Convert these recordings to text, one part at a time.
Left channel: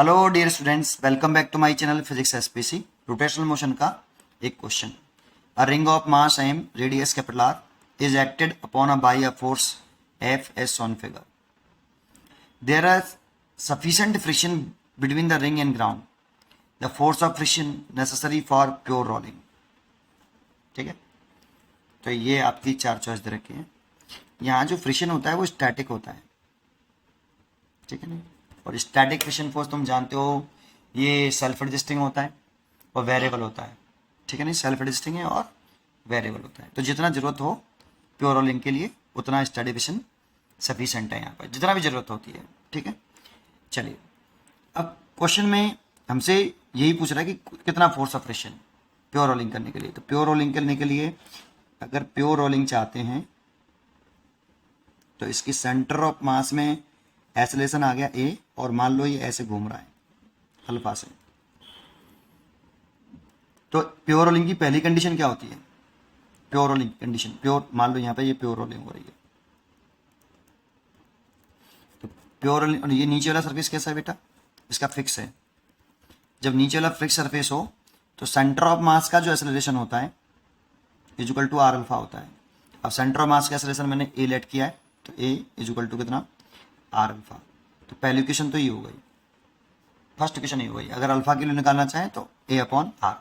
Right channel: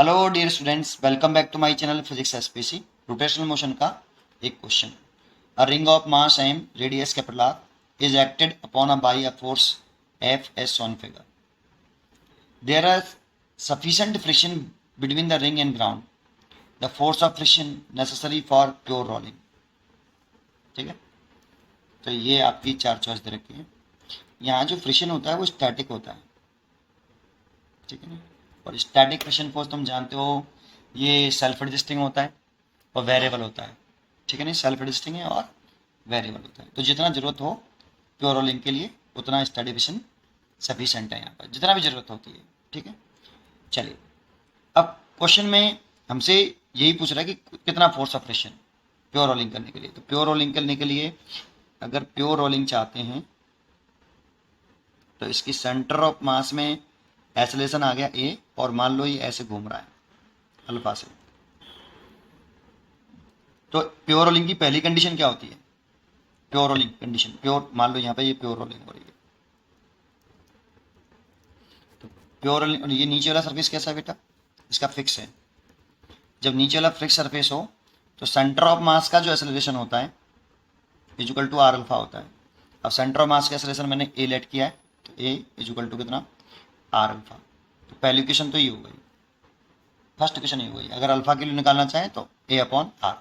Hello dear students, welcome back to my channel physics SPC. Rotational motion का एक question. A ring of mass M radius capital R is acted upon a by a force F S on figure. There are sufficient friction between the ring and ground. The force of friction necessary for pure rolling. ठीक है, तो ये आपकी चार choice दे रखी है। यहाँ जो फ्रिक्शन होता है वो स्टैटिक होता है, ठीक है ना। और स्टैटिक फ्रिक्शन फोर्स तुम जानते हो, ये सेल्फ एडजस्टिंग होता है और वेरिएबल होता है, ठीक है ना। सेल्फ एडजस्टिंग है और वेरिएबल होता है। तो जितना जरूरत हो प्योर रोलिंग के लिए उतना स्टैटिक फ्रिक्शन सफिशेंट है यहाँ पर, जितना भी जरूरत होती है, ठीक है। चलिए, अब क्वेश्चन में हमसे यही पूछ रहा है कि कितना force of friction pure rolling करने के लिए। तो प्योर रोलिंग करने के लिए अगर प्योर रोलिंग चाहते हैं तो इसकी सेंटर ऑफ मास में एक्सेलरेशन आ गया ए, और मान लो ये ऐसे घूम रहा है अल्फा से। तो प्योर रोलिंग की पहली कंडीशन क्या होती है? प्योर रोलिंग कंडीशन, प्योर मान लो यहाँ पे ये प्योर रोलिंग हो रही है। तो प्योर रोलिंग, ये नीचे वाला सरफेस कैसा है बेटा? इसका फिक्स है। जब नीचे वाला फिक्स सरफेस हो तो सेंटर ऑफ मास का जो एक्सेलरेशन होता है इजुकल टू आर अल्फा होता है। अब सेंटर ऑफ मास का एक्सेलरेशन मैंने ए लेट किया है, तो ए इजुकल टू कितना? R alpha. तो पहली इक्वेशन तो ये हो गई, फर्स्ट इक्वेशन ये हो गई। अगर अल्फा के लिए निकालना चाहें तो ए अपॉन आर,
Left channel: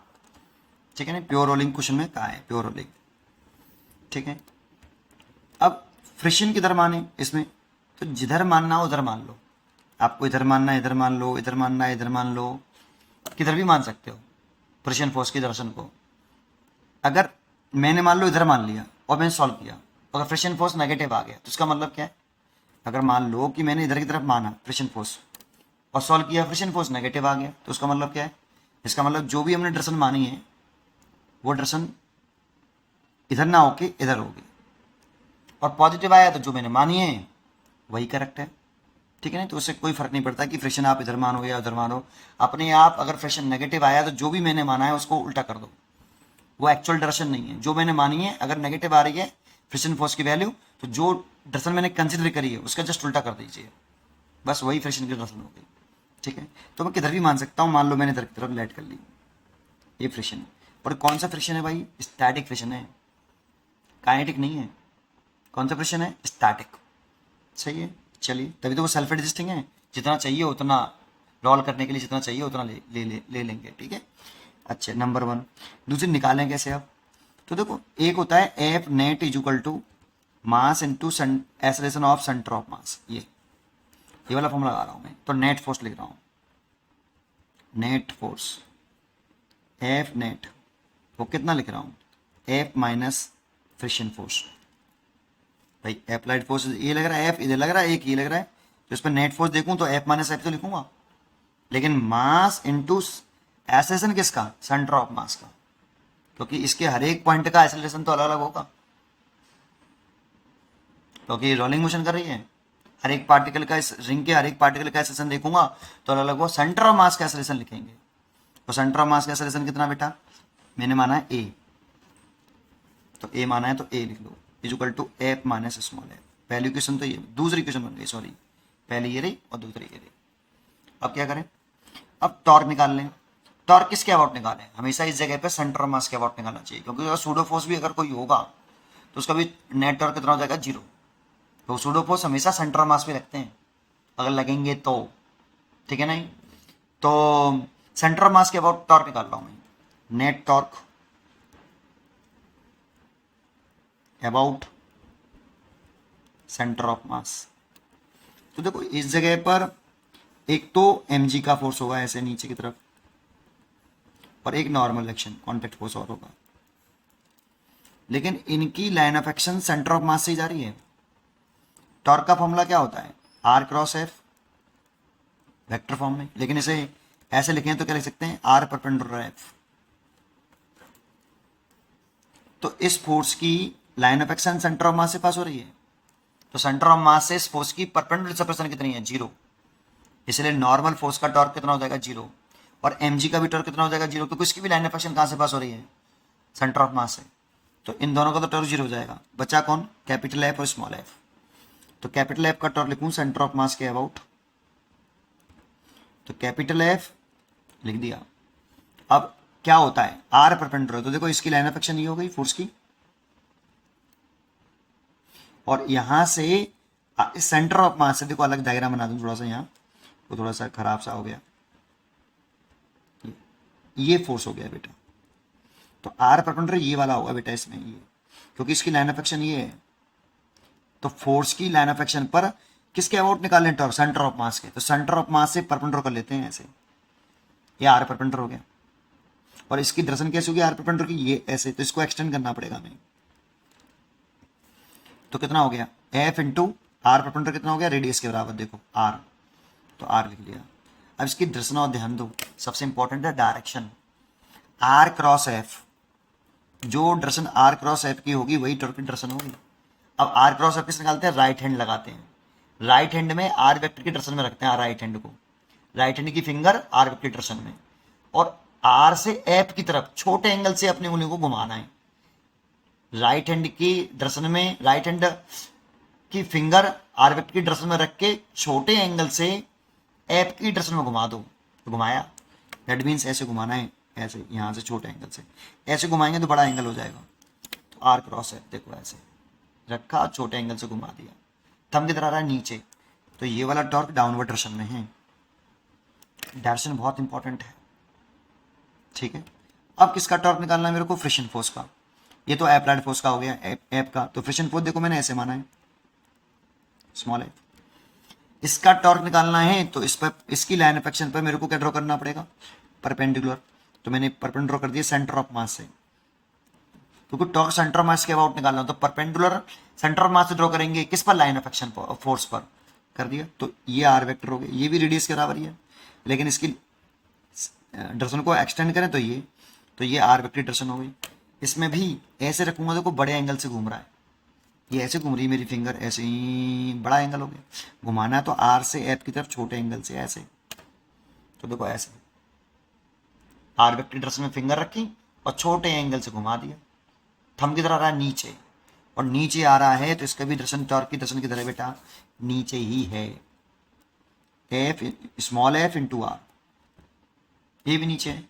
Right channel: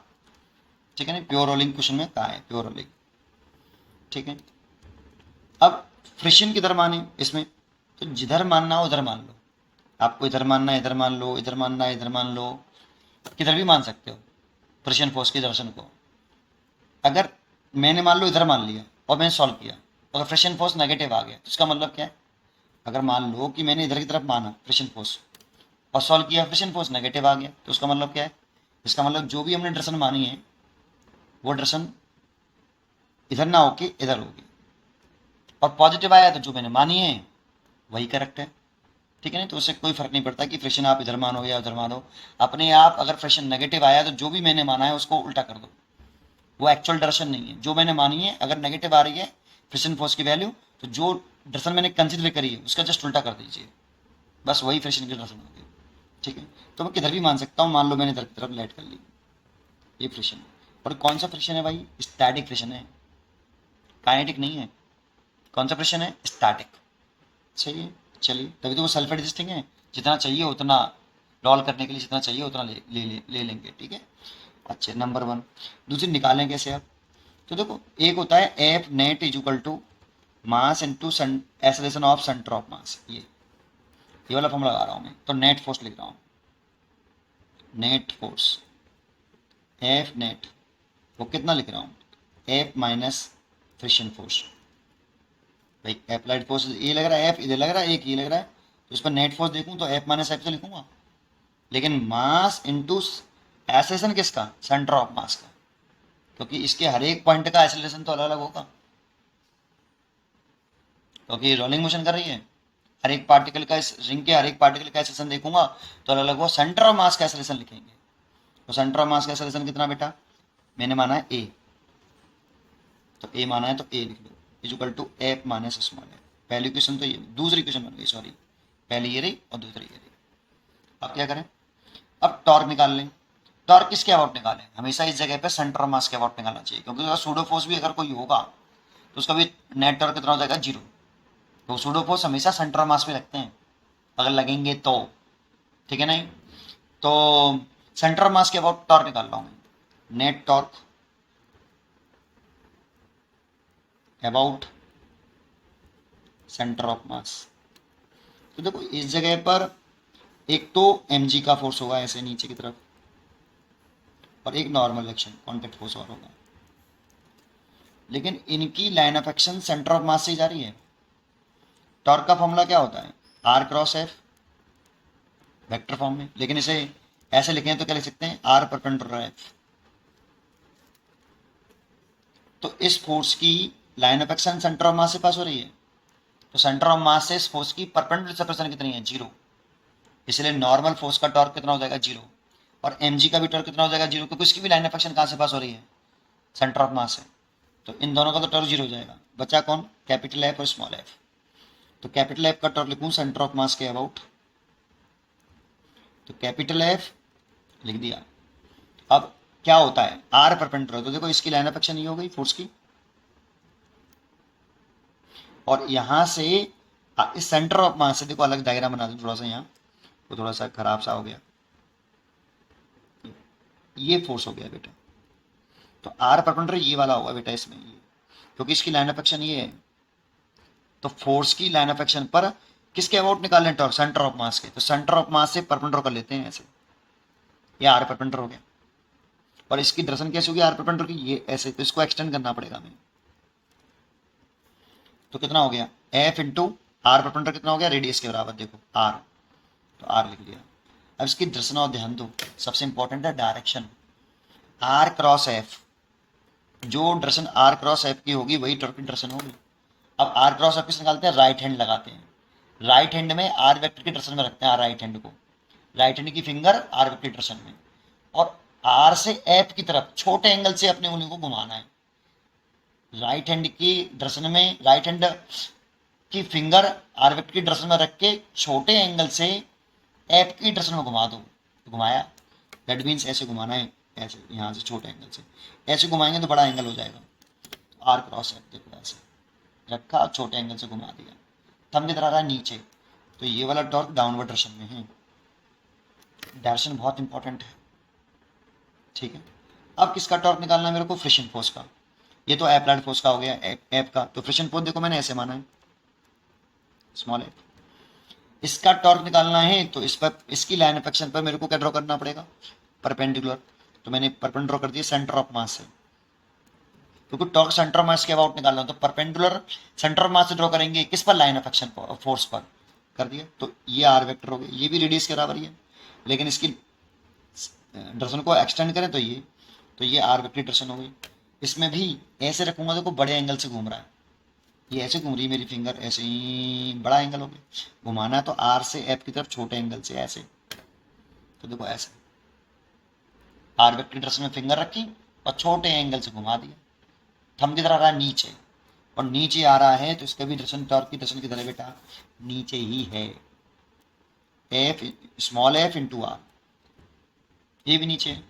ठीक है ना। प्योर रोलिंग क्वेश्चन में कहा है प्योर रोलिंग, ठीक है। अब फ्रिक्शन किधर माने इसमें? तो जिधर मानना हो उधर मान लो। आपको इधर मानना है इधर मान लो, इधर मानना है इधर मान लो, किधर भी मान सकते हो फ्रिक्शन फोर्स की दर्शन को। अगर मैंने मान लो इधर मान लिया और मैंने सॉल्व किया, अगर फ्रिक्शन फोर्स नेगेटिव आ गया तो इसका मतलब क्या है? अगर मान लो कि मैंने इधर की तरफ माना फ्रिक्शन फोर्स और सॉल्व किया, फ्रिक्शन फोर्स नेगेटिव आ गया, तो उसका मतलब क्या है? इसका मतलब जो भी हमने डायरेक्शन मानी है वो डायरेक्शन इधर ना होके इधर होगी, और पॉजिटिव आया तो जो मैंने मानी है वही करेक्ट है, ठीक है ना। तो उससे कोई फर्क नहीं पड़ता कि फ्रिक्शन आप इधर मानो या उधर मानो। अपने आप अगर फ्रिक्शन नेगेटिव आया तो जो भी मैंने माना है उसको उल्टा कर दो, वो एक्चुअल डायरेक्शन नहीं है। जो मैंने मानी है अगर नेगेटिव आ रही है फ्रिक्शन फोर्स की वैल्यू, तो जो डायरेक्शन मैंने कंसिडर करी है उसका जस्ट उल्टा कर दीजिए, बस वही फ्रिक्शन की डायरेक्शन होगी, ठीक है। तो मैं किधर भी मान सकता हूँ, मान लो मैंने इधर की तरफ लेट कर ली, ये फ्रिक्शन है। और कौन सा फ्रिक्शन है भाई? स्टैटिक फ्रिक्शन है, काइनेटिक नहीं है। कौन सा फ्रिक्शन है? स्टैटिक, सही है। चलिए, तभी तो वो सेल्फ एडजस्टिंग है। जितना चाहिए उतना रोल करने के लिए जितना चाहिए उतना ले लेंगे, ठीक है। अच्छा, नंबर वन। दूसरी निकालें कैसे अब? तो देखो, एक होता है F net is equal to mass into acceleration of centre of mass. ये वाला फॉर्मूला लगा रहा हूँ मैं, तो नेट फोर्स लिख रहा हूँ। नेट फोर्स एफ नेट वो कितना लिख रहा हूँ? F minus friction force. भाई अप्लाइड फोर्स ये लग रहा है, एफ इधर लग रहा है, एक ये लग रहा है, तो इस पर नेट फोर्स देखूं तो एफ माइनस एफ तो लिखूंगा। लेकिन मास इनटू एक्सेलरेशन किसका? सेंटर ऑफ मास का, क्योंकि इसके हर एक पॉइंट का एक्सेलरेशन तो अलग अलग होगा, क्योंकि रोलिंग मोशन कर रही है। हर एक पार्टिकल का, इस रिंग के हर एक पार्टिकल का एक्सेलरेशन देखूंगा तो अलग अलग होगा। सेंटर ऑफ मास का एक्सेलरेशन लिखेंगे, तो सेंटर ऑफ मास का एक्सेलरेशन कितना बेटा? मैंने माना है ए, तो ए माना है तो ए लिख लो, is equal to F minus small f. पहली क्वेश्चन तो ये, दूसरी क्वेश्चन बन गई, सॉरी, पहली ये रही और दूसरी ये रही। अब क्या करें? अब टॉर्क निकाल लें। टॉर्क किसके अबाउट निकालें? हमेशा इस जगह पे सेंटर ऑफ मास के अबाउट निकालना चाहिए, क्योंकि अगर सूडो फोर्स भी अगर कोई होगा तो उसका भी नेट टॉर्क कितना हो जाएगा? जीरो। तो सूडो फोर्स हमेशा सेंटर ऑफ मास पे लगते हैं अगर लगेंगे तो, ठीक है नहीं। तो सेंटर ऑफ मास के अबाउट टॉर्क निकाल रहा हूं मैं। Net torque about centre of मास। तो देखो, इस जगह पर एक तो mg का फोर्स होगा ऐसे नीचे की तरफ, और एक नॉर्मल एक्शन कॉन्टेक्ट फोर्स और होगा, लेकिन इनकी line of action centre of mass से ही जा रही है। टॉर्क का फॉर्मूला क्या होता है? R cross F, vector form में, लेकिन इसे ऐसे लिखें तो क्या लिख सकते हैं? R perpendicular F. तो इस फोर्स की line of action centre of mass से पास हो रही है, तो सेंटर ऑफ मास से इस फोर्स की परपेंडिकुलर सेपरेशन कितनी है? जीरो। इसलिए नॉर्मल फोर्स का टॉर्क कितना हो जाएगा? जीरो। और mg का भी टॉर्क कितना हो जाएगा? जीरो, क्योंकि इसकी भी लाइन ऑफ एक्शन कहां से पास हो रही है? सेंटर ऑफ मास से। तो इन दोनों का तो टॉर्क जीरो हो जाएगा। बचा कौन? कैपिटल एफ और स्मॉल एफ। तो कैपिटल एफ का टॉर्क लिखूं सेंटर ऑफ मास के अबाउट, तो कैपिटल एफ लिख दिया। अब क्या होता है, आर परपेंडिकुलर, तो देखो इसकी लाइन ऑफ एक्शन ये हो गई फोर्स की, और यहां से इस सेंटर ऑफ मास से देखो अलग डायग्राम बना दूं थोड़ा सा, यहाँ वो थोड़ा सा खराब सा हो गया, ये फोर्स हो गया बेटा। तो आर परपेंडिकुलर ये वाला होगा बेटा इसमें, ये क्योंकि इसकी लाइन ऑफ एक्शन ये है। तो फोर्स की लाइन ऑफ एक्शन पर किसके अबाउट निकालें, टॉर्क सेंटर ऑफ मास के, तो सेंटर ऑफ मास से परपेंडिकुलर कर लेते हैं ऐसे, ये आर परपेंडिकुलर हो गया। और इसकी डायरेक्शन कैसे होगी आर परपेंडिकुलर की, ये ऐसे, तो इसको एक्सटेंड करना पड़ेगा हमें। तो कितना हो गया, एफ इंटू आर परपेंडिकुलर कितना हो गया, रेडियस के बराबर, देखो आर, तो आर लिख लिया। अब इसकी डायरेक्शन और ध्यान दो, सबसे इंपॉर्टेंट है डायरेक्शन, आर क्रॉस एफ, जो डायरेक्शन आर क्रॉस एफ की होगी वही टॉर्क की डायरेक्शन होगी। अब आर क्रॉस एफ किस निकालते हैं, राइट हैंड लगाते हैं, राइट हैंड में आर वेक्टर की डायरेक्शन में रखते हैं, राइट हैंड को, राइट हैंड की फिंगर आर वेक्टर की डायरेक्शन में, और आर से एफ की तरफ छोटे एंगल से अपनी उंगली को घुमाना है। राइट हैंड की डायरेक्शन में, राइट हैंड की फिंगर आर वेक्टर की डायरेक्शन में रख के छोटे एंगल से एफ की डायरेक्शन में घुमा दो, तो घुमाया, दैट मीन्स ऐसे घुमाना है, ऐसे यहाँ से छोटे एंगल से ऐसे घुमाएंगे तो बड़ा एंगल हो जाएगा। तो आर क्रॉस एफ देखो ऐसे रखा, छोटे एंगल से घुमा दिया, थंब किधर आ रहा है, नीचे, तो ये वाला टॉर्क डाउनवर्ड डायरेक्शन में है। डायरेक्शन बहुत इंपॉर्टेंट है, ठीक है। अब किसका टॉर्क निकालना है मेरे को, फ्रिक्शन फोर्स का, ये तो अप्लाइड फोर्स का हो गया, एप का, तो फ्रिक्शन फोर्स देखो मैंने ऐसे माना है, स्मॉल एफ। इसका टॉर्क निकालना है तो इस पर, इसकी लाइन ऑफ एक्शन पर मेरे को क्या ड्रॉ करना पड़ेगा, परपेंडिकुलर, तो मैंने परपेंडिकुलर ड्रॉ कर दिया सेंटर ऑफ मास से, क्योंकि टॉर्क सेंटर ऑफ मास के अबाउट निकालना, तो परपेंडिकुलर सेंटर ऑफ मास से ड्रॉ करेंगे, किस पर, लाइन ऑफ एक्शन पर, फोर्स पर कर दिया। तो ये आर वेक्टर हो गया, ये भी रेडियस के बराबर ही है, लेकिन इसकी डायरेक्शन को एक्सटेंड करें तो ये आर वेक्टर डायरेक्शन हो गई। इसमें भी ऐसे रखूंगा, देखो बड़े एंगल से घूम रहा है, ये ऐसे घूम रही है मेरी फिंगर, ऐसे ही बड़ा एंगल हो गया, घुमाना है तो आर से एफ की तरफ छोटे एंगल से ऐसे, तो देखो ऐसे आर वेक्टर डायरेक्शन में फिंगर रखी और छोटे एंगल से घुमा दिया, थंब किधर आ रहा है, नीचे, और नीचे आ रहा है तो इसका भी डायरेक्शन टॉर्क की डायरेक्शन किधर है बेटा, नीचे ही है, F small F into R, ये भी नीचे है।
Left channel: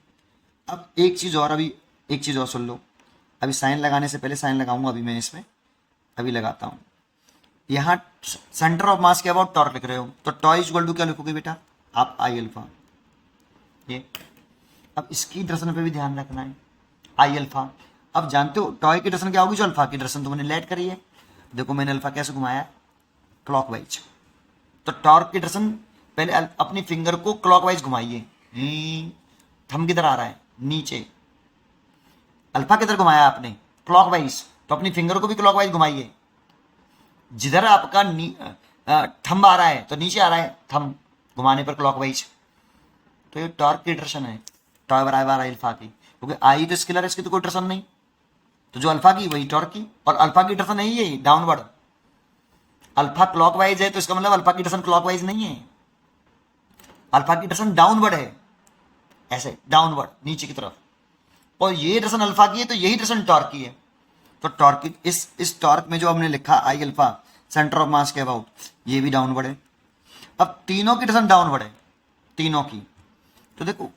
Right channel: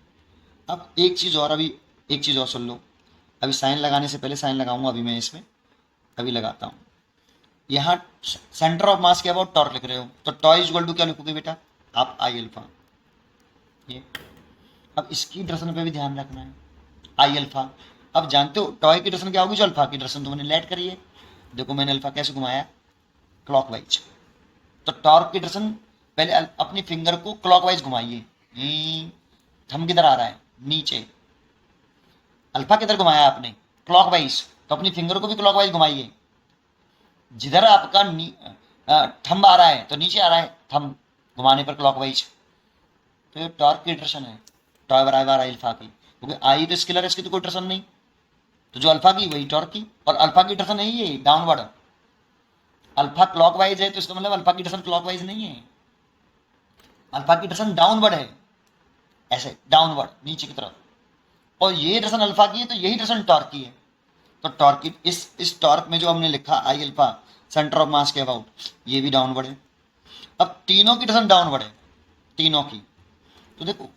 अब एक चीज़ और, अभी एक चीज़ और सुन लो, अभी साइन लगाने से पहले साइन लगाऊंगा, अभी मैं इसमें अभी लगाता हूँ। यहाँ सेंटर ऑफ मास के अबाउट टॉर्क लिख रहे हो, तो टॉय इक्वल टू क्या लिखोगे बेटा आप, आई अल्फा, ये। अब इसकी डायरेक्शन पे भी ध्यान रखना है, आई अल्फा। अब जानते हो टॉय की डायरेक्शन क्या होगी, जो अल्फा की डायरेक्शन तुमने लेट करी है, देखो मैंने अल्फा कैसे घुमाया, क्लॉकवाइज, तो टॉर्क की डायरेक्शन पहले अपनी फिंगर को क्लॉकवाइज घुमाइए, थंब किधर आ रहा है, नीचे, अल्फा किधर घुमाया आपने, क्लॉकवाइज, तो अपनी फिंगर को भी क्लॉकवाइज घुमाइए, जिधर आपका थंब आ रहा है तो नीचे आ रहा है थंब, घुमाने पर क्लॉकवाइज, तो ये टॉर्क की डायरेक्शन है, टॉय बराबर अल्फा की, क्योंकि आई तो स्केलर है, इसकी तो कोई डायरेक्शन नहीं, तो जो अल्फा की वही टॉर्क की, और अल्फा की डायरेक्शन नहीं है डाउनवर्ड, अल्फा क्लॉकवाइज है तो इसका मतलब अल्फा की डायरेक्शन क्लॉकवाइज नहीं है, अल्फा की डायरेक्शन डाउनवर्ड है, ऐसे डाउनवर्ड नीचे की तरफ, और ये डायरेक्शन अल्फा की है तो यही डायरेक्शन टॉर्क की है। तो टॉर्क की इस टॉर्क में जो हमने लिखा आई अल्फा सेंटर ऑफ मास के अबाउट, ये भी डाउनवर्ड है। अब तीनों की डायरेक्शन डाउनवर्ड है, तीनों की, तो देखो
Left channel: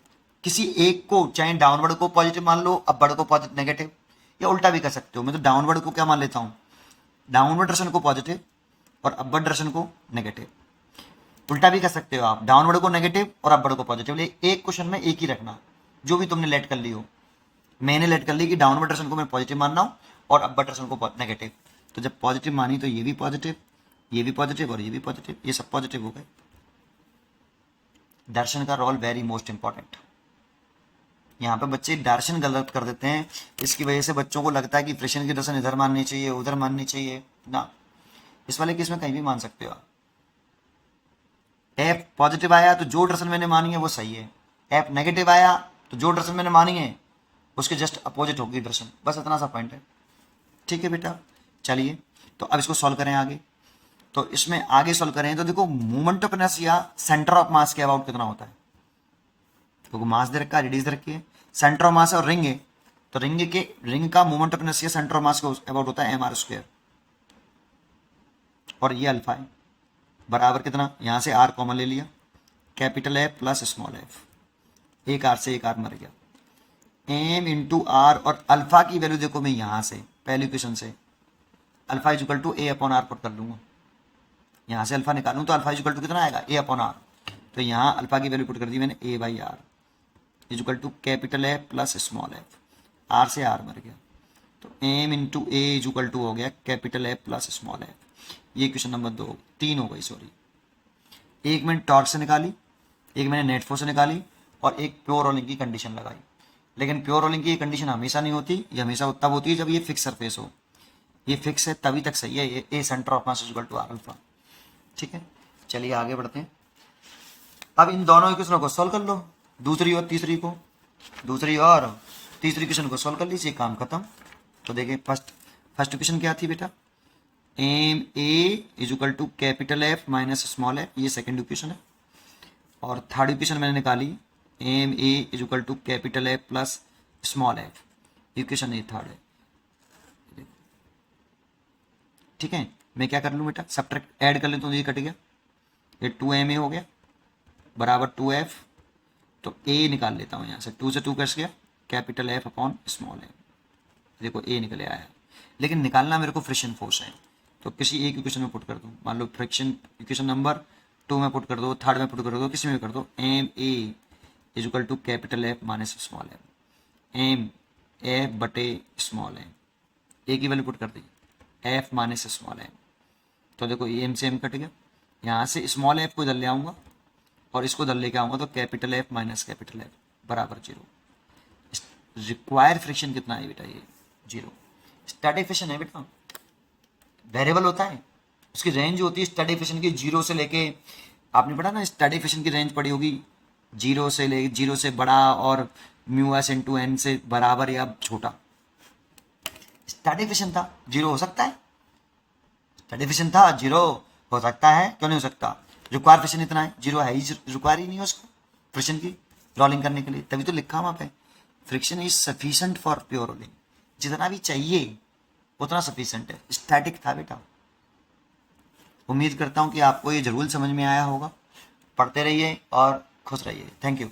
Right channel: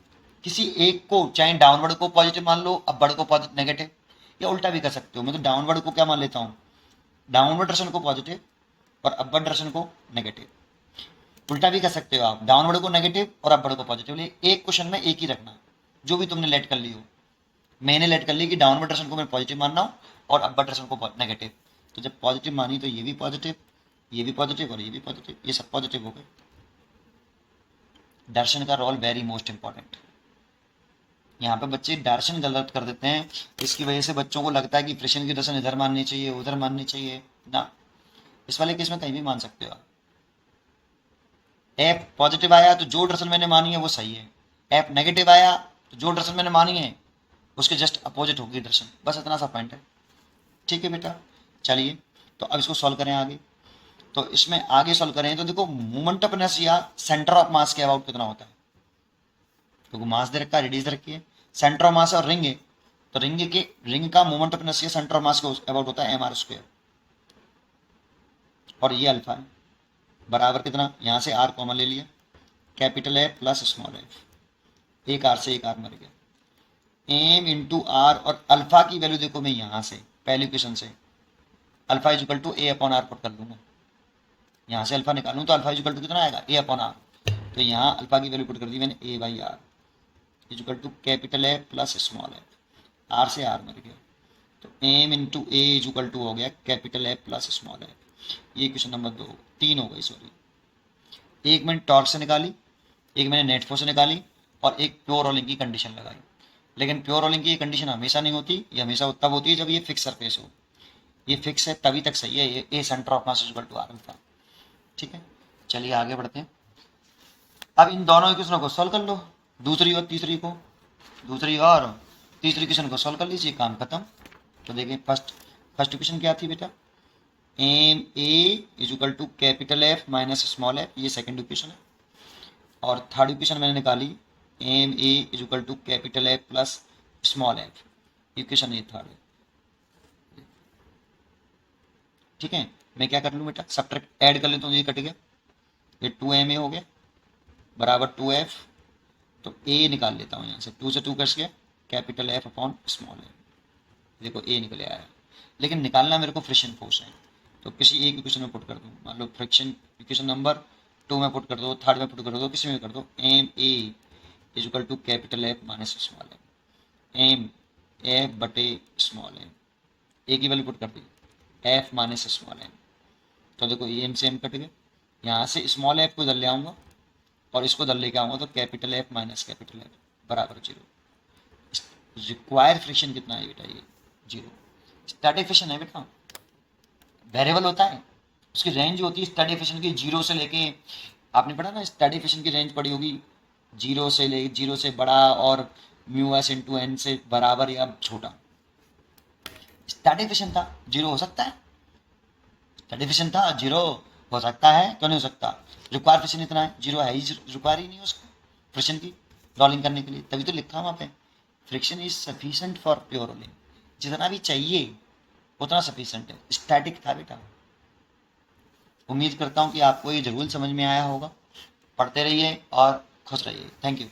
किसी एक को, चाहे डाउनवर्ड को पॉजिटिव मान लो, अपवर्ड को पॉजिटिव नेगेटिव, या उल्टा भी कर सकते हो, मैं तो डाउनवर्ड को क्या मान लेता हूँ, डाउनवर्ड डायरेक्शन को पॉजिटिव और अपवर्ड डायरेक्शन को नेगेटिव, उल्टा भी कर सकते हो आप, डाउनवर्ड को नेगेटिव और अपवर्ड को पॉजिटिव, लेकिन एक क्वेश्चन में एक ही रखना, जो भी तुमने लेट कर ली हो। मैंने लेट कर ली कि डाउनवर्ड डायरेक्शन को मैं पॉजिटिव मान रहा हूँ और अपवर्ड डायरेक्शन को नेगेटिव, तो जब पॉजिटिव मानी तो ये भी पॉजिटिव, ये भी पॉजिटिव और ये भी पॉजिटिव, ये सब पॉजिटिव हो गए। डायरेक्शन का रोल वेरी मोस्ट इंपॉर्टेंट। यहाँ पे बच्चे डायरेक्शन गलत कर देते हैं, इसकी वजह से बच्चों को लगता है कि फ्रिक्शन की डायरेक्शन इधर माननी चाहिए उधर माननी चाहिए ना, इस वाले केस में कहीं भी मान सकते हो आप। एफ पॉजिटिव आया तो जो डायरेक्शन मैंने मानी है वो सही है, एफ नेगेटिव आया तो जो डायरेक्शन मैंने मानी है उसके जस्ट अपोजिट होगी डायरेक्शन, बस इतना सा पॉइंट है। ठीक है बेटा, चलिए तो अब इसको सॉल्व करें आगे। तो इसमें आगे सॉल्व करें तो देखो moment of inertia centre of मास के अबाउट कितना होता है, क्योंकि मास दे रखा है, रेडियस दे रखी है, सेंटर ऑफ मास और रिंग है, तो रिंग का moment of inertia centre of मास के अबाउट होता है mr², और ये अल्फा है, बराबर कितना, यहां से आर कॉमन ले लिया, capital F plus small F, एक आर से एक आर मर गया, एम इंटू आर, और अल्फा की वैल्यू देखो मैं यहाँ से पहली इक्वेशन से alpha is equal to A upon R put कर लूँगा, यहाँ से अल्फा निकालूँ तो अल्फा इजिकल टू कितना आएगा, ए अपॉन आर, तो यहाँ अल्फा की वैल्यू पुट कर दी मैंने A by R is equal to capital F plus small f, R से आर मर गया, तो M into A is equal to हो गया capital F plus small F. ये क्वेश्चन नंबर 3 हो गई, सॉरी। एक मैंने टॉर्क से निकाली, एक मैंने नेट फोर्स से निकाली, और एक प्योर रोलिंग की कंडीशन लगाई। लेकिन प्योर रोलिंग की कंडीशन हमेशा नहीं होती, ये हमेशा तब होती है जब ये फिक्स सरफेस हो। ये फिक्स है तभी तक सही है, ये A centre of mass equal to R alpha. ठीक है, चलिए आगे बढ़ते हैं। अब इन दोनों इक्वेशनों को सॉल्व कर लो, दूसरी और तीसरी को, दूसरी और तीसरी इक्वेशन को सॉल्व कर लीजिए, काम खत्म। तो देखिए फर्स्ट इक्वेशन क्या थी बेटा, M A is equal to capital F minus small F, ये सेकंड इक्वेशन है। और थर्ड इक्वेशन मैंने निकाली, M A is equal to capital F plus small F, equation ये थर्ड है। ठीक है, मैं क्या कर लूँ बेटा, सब्ट्रैक्ट ऐड कर लेता हूँ, ये कट गया, ये 2ma हो गया बराबर 2f, तो a निकाल लेता हूँ यहाँ से, 2 से 2 कट गया, capital F upon small F, देखो a निकले आया। लेकिन निकालना मेरे को फ्रिक्शन फोर्स है, तो किसी एक इक्वेशन में पुट कर दो, मान लो फ्रिक्शन इक्वेशन नंबर 2 में पुट कर दो, थर्ड में पुट कर दो, किसी में कर दो, M A is equal to capital F minus small F, M F बटे स्मॉल एफ, ए की वैल्यू पुट कर दी एफ माइनस स्मॉल एफ, तो देखो ये एम से एम कट गया, यहाँ से स्मॉल एफ को इधर ले आऊँगा और इसको इधर लेके आऊँगा, तो capital F minus capital F बराबर 0। रिक्वायर्ड फ्रिक्शन कितना है बेटा, ये 0। स्टैटिक फ्रिक्शन है बेटा, वेरिएबल होता है, उसकी रेंज होती है स्टैटिक फ्रिक्शन की 0 से लेके, आपने पढ़ा ना स्टैटिक फ्रिक्शन की रेंज पड़ी होगी 0 से बड़ा और म्यू एस इंटू एन से बराबर या छोटा। स्टैटिक फ्रिक्शन था 0 हो सकता है, स्टैटिक फ्रिक्शन था 0 हो सकता है, क्यों नहीं हो सकता, रिक्वायर फ्रिक्शन इतना है, 0 है ही, रिक्वायर ही नहीं है उसको फ्रिक्शन की रोलिंग करने के लिए, तभी तो लिखा वहाँ पे friction is sufficient for pure rolling, जितना भी चाहिए उतना सफिशिएंट है। स्टैटिक था बेटा। उम्मीद करता हूँ कि आपको ये जरूर समझ में आया होगा। पढ़ते रहिए और खुश रहिए। Thank you.